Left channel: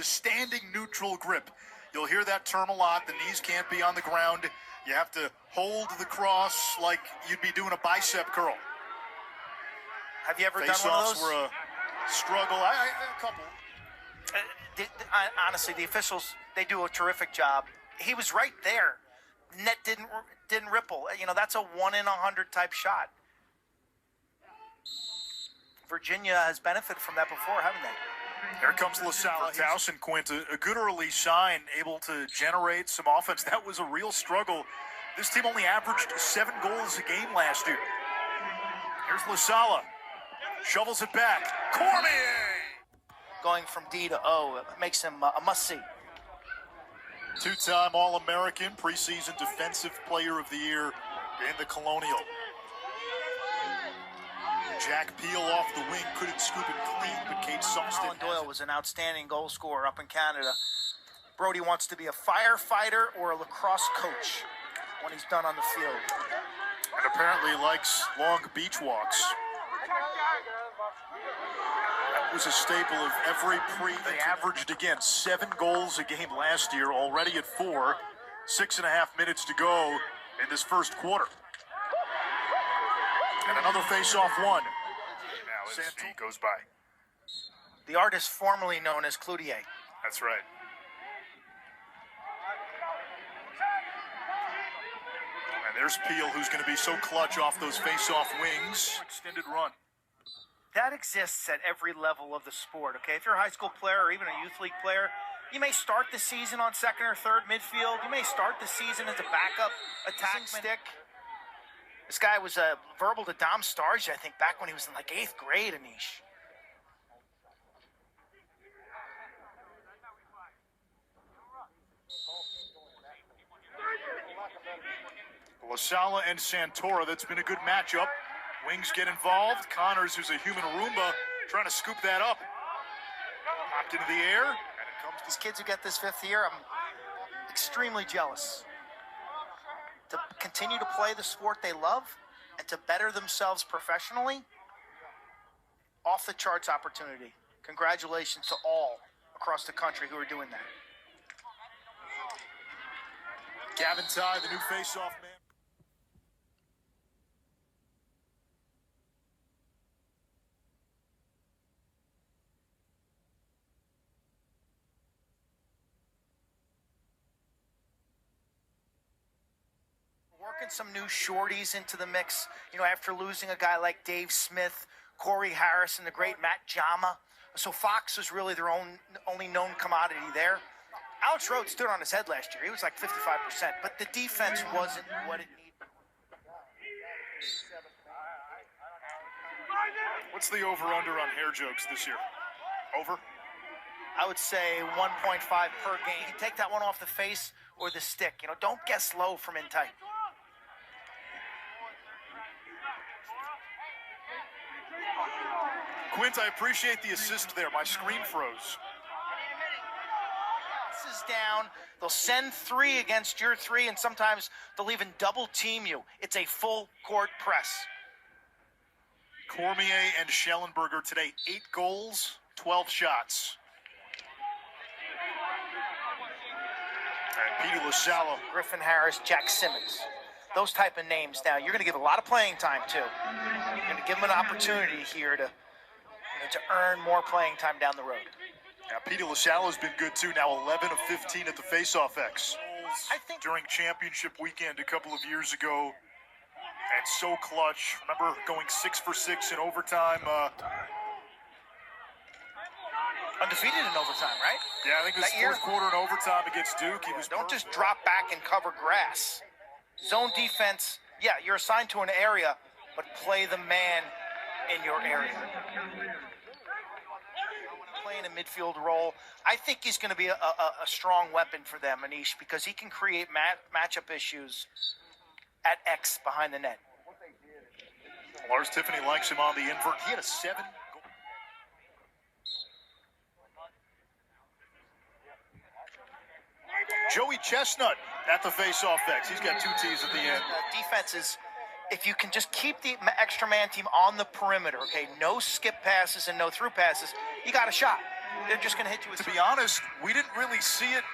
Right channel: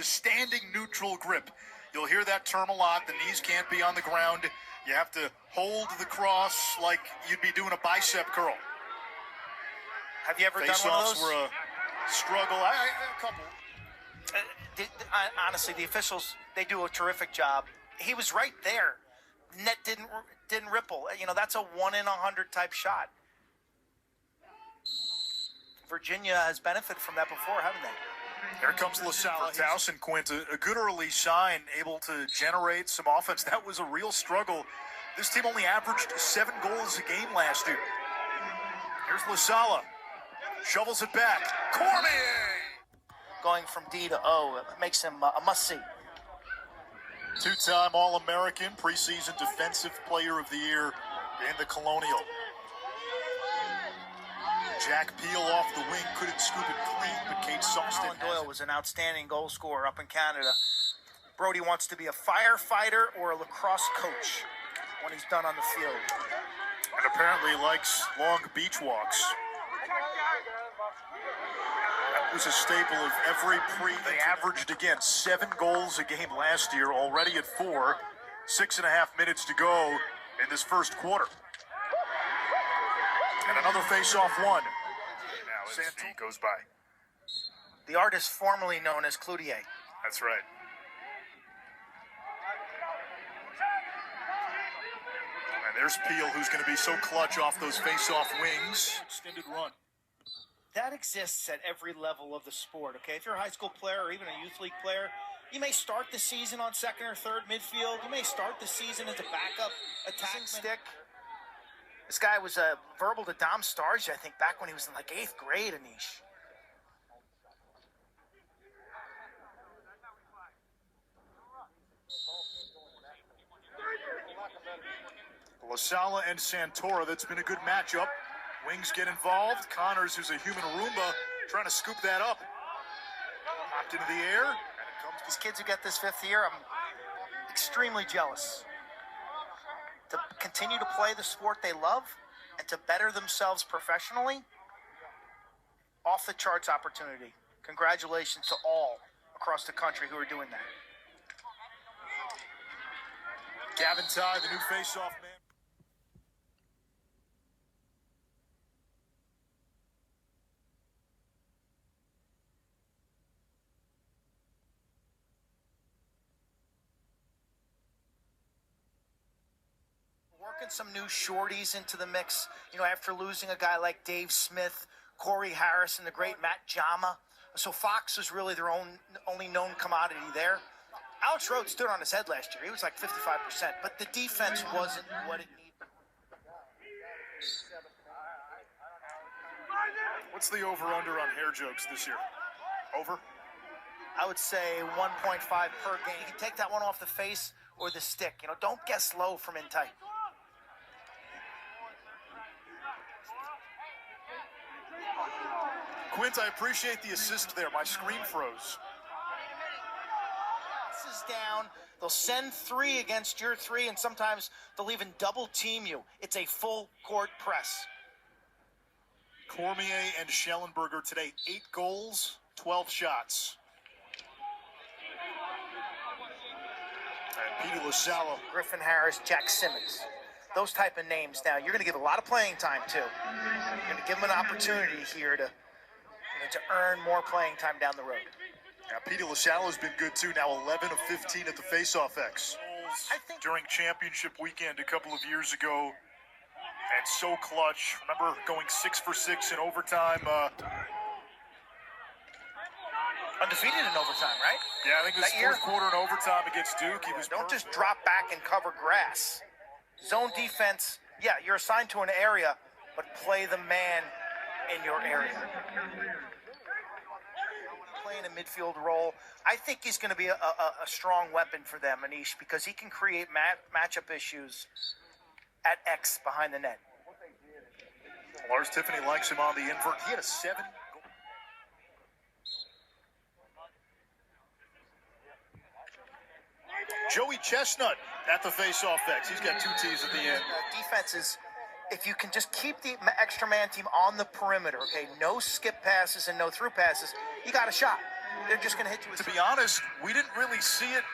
The standing neutral grip. You'll hear that term a lot. The knees can't be on the ground. You have to hold the cross like you'd be doing a bicep curl. Have you ever done one of Faceoffs those? were a struggle. A couple. Honestly, the officials, they do a terrific job. He was right there. Net didn't ripple. You know, that's a 1 in 100 type shot. Virginia has benefited from that before, haven't they? Here comes LaSalle. Towson, Quint, a good early sign, able to generate some offense. That was a real struggle. This team only averaged 7 goals a game last year. Here's LaSalle. Shovels it back. Cormier! Going from D to O, it makes him a must-see. Two-time All-American, preseason Defensive Player of the Year in the Colonial. Jack Peel off the wing, couldn't scoop it clean, but Kate Sawston. Alan Doyle was an outstanding goal scorer up in Canada. Brody wants to be a firefighter or a lacrosse coach when he's done on the field. And apparently likes long beach walks. That was a staple of every They averaged, again, 7 goals a game last year, already at 4. 6.5 minutes to go in this first quarter. And another face-off one. Now as he goes by. The artist formerly known as Cloutier. That's right. And there's Peel, who's going to be so clutch off those face-off wings. Extended run. That exists at every level of the sport, okay? If you're a high school player or even a youth league player, you may start the season on second or third midfield. You may start the season as a backup attack stick. This guy was verbal to Dom Starge, I think, back when he was in like 8th grade, Anish. LaSalle and Santora, that's been a good matchup. Wings get involved. Connors, who's a human Roomba, trying to scoop that up. Hopped into the air. And it comes to these kids who get this 5th year, I'm extremely jealous. To continue to play the sport they love and to better themselves professionally, off the charts opportunity. Congratulations to all across the country who are doing that. Gavin Ty, the new face-off man. Working some new shorties into the mix, you know, after losing a guy like Dave Smith, Corey Harris, and the great Matt Jama. So Fox is really their only known commodity there. Alex Rhodes stood on his head last year. He was like 55%, but the defense wasn't what it needed. What's the over-under on hair jokes this year? Over? I would say 1.5 per game. You can take that one off the face or the stick. You know, don't guess low from in tight. Quint, I appreciate the assist there. My screen froze. This is down. They'll send 3 against your 3, and sometimes they'll even double team you. It's a full court press. Cormier and Schellenberger today, 8 goals, 12 shots. And Petey LaSalle. Griffin Harris, Jack Simmons. Those type of names now. You're going to give a lot of playing time, too. You're going to give them an opportunity here to earn more playing time down the road. Now, Petey LaSalle has been good, too. Now 11 of 15 at the Faceoff X. I think during championship weekend a couple of years ago, and so clutch. Remember going 6 for 6 in overtime. Undefeated in overtime, right? Yeah, I think it was fourth quarter in overtime against Duke. He was Don't just drop back and cover grass. Zone defense, yeah, you're assigned to an area, but play the man in your area. Playing a midfield role, I think he's going to be a strong weapon for them, Anish, because he can create matchup issues at X behind the net. Lars Tiffany likes him on the invert. He had a 7. Joey Chestnut at the face-off X. He's got 2 T's at the end. Defenses, if you can just keep the extra man team on the perimeter, okay, no skip passes and no through passes, you got a shot. they're just going to hit you with. To be honest, we didn't really see it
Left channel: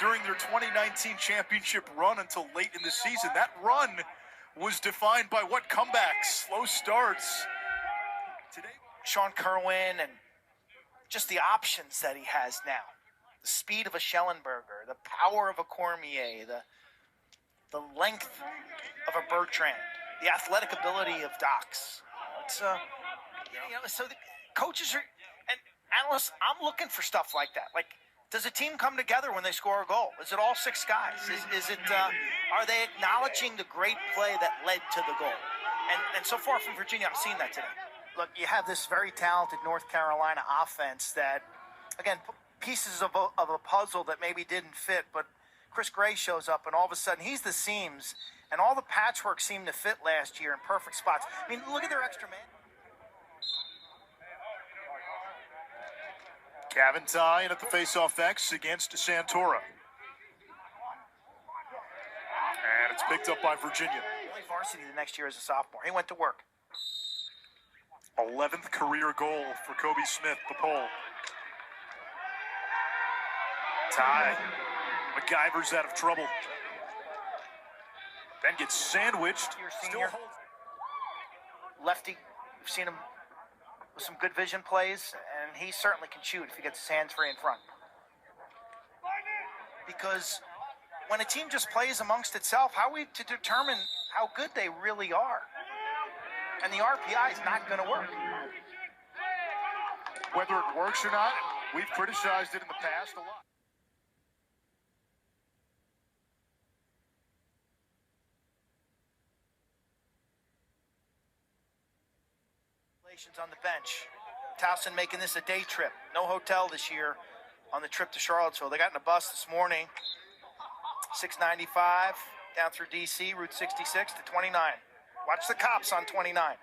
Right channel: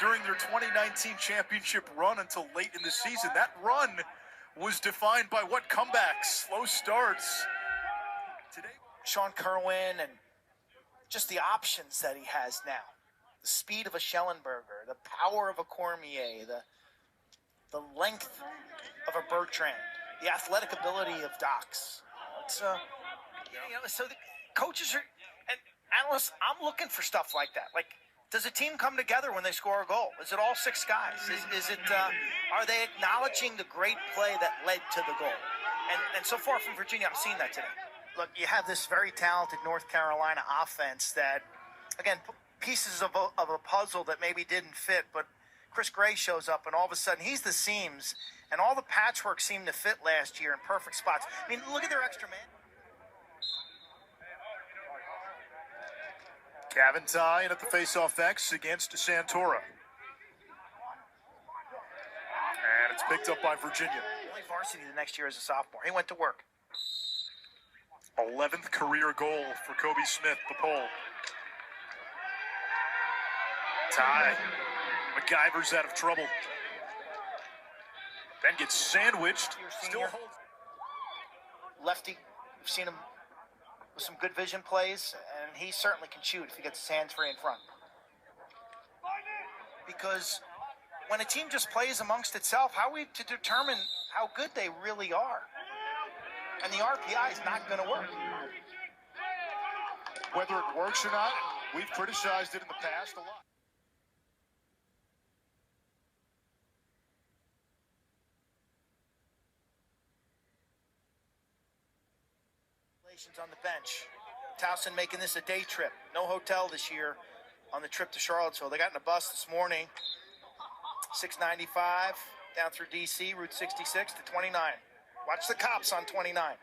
during their 2019 championship run until late in the season. That run was defined by what comebacks, slow starts. Today, Sean Kerwin and just the options that he has now. The speed of a Schellenberger, the power of a Cormier, the length of a Bertrand, the athletic ability of Dox. It's so the coaches are and analysts. I'm looking for stuff like that. Like, does a team come together when they score a goal? Is it all six guys? Is it? Are they acknowledging the great play that led to the goal? And so far from Virginia, I'm seeing that today. Look, you have this very talented North Carolina offense that, again, pieces of a puzzle that maybe didn't fit, but Chris Gray shows up, and all of a sudden he's the seams, and all the patchwork seemed to fit last year in perfect spots. I mean, look at their extra man. Caventine at the Faceoff X against Santora. And it's picked up by Virginia. He plays varsity the next year as a sophomore. He went to work. 11th career goal for Kobe Smith, the pole. Tie. MacGyver's out of trouble. Then gets sandwiched. Still holds. Lefty. We've seen him with some good vision plays, and he certainly can shoot if he gets his hands free in front. Because when a team just plays amongst itself, how are we to determine how good they really are? And the RPI is not going to work. Whether it works or not, we've criticized it in the past a lot. On the bench. Towson making this a day trip. No hotel this year on the trip to Charlottesville. They got in a bus this morning, 695 down through D.C., Route 66 to 29. Watch the cops on 29.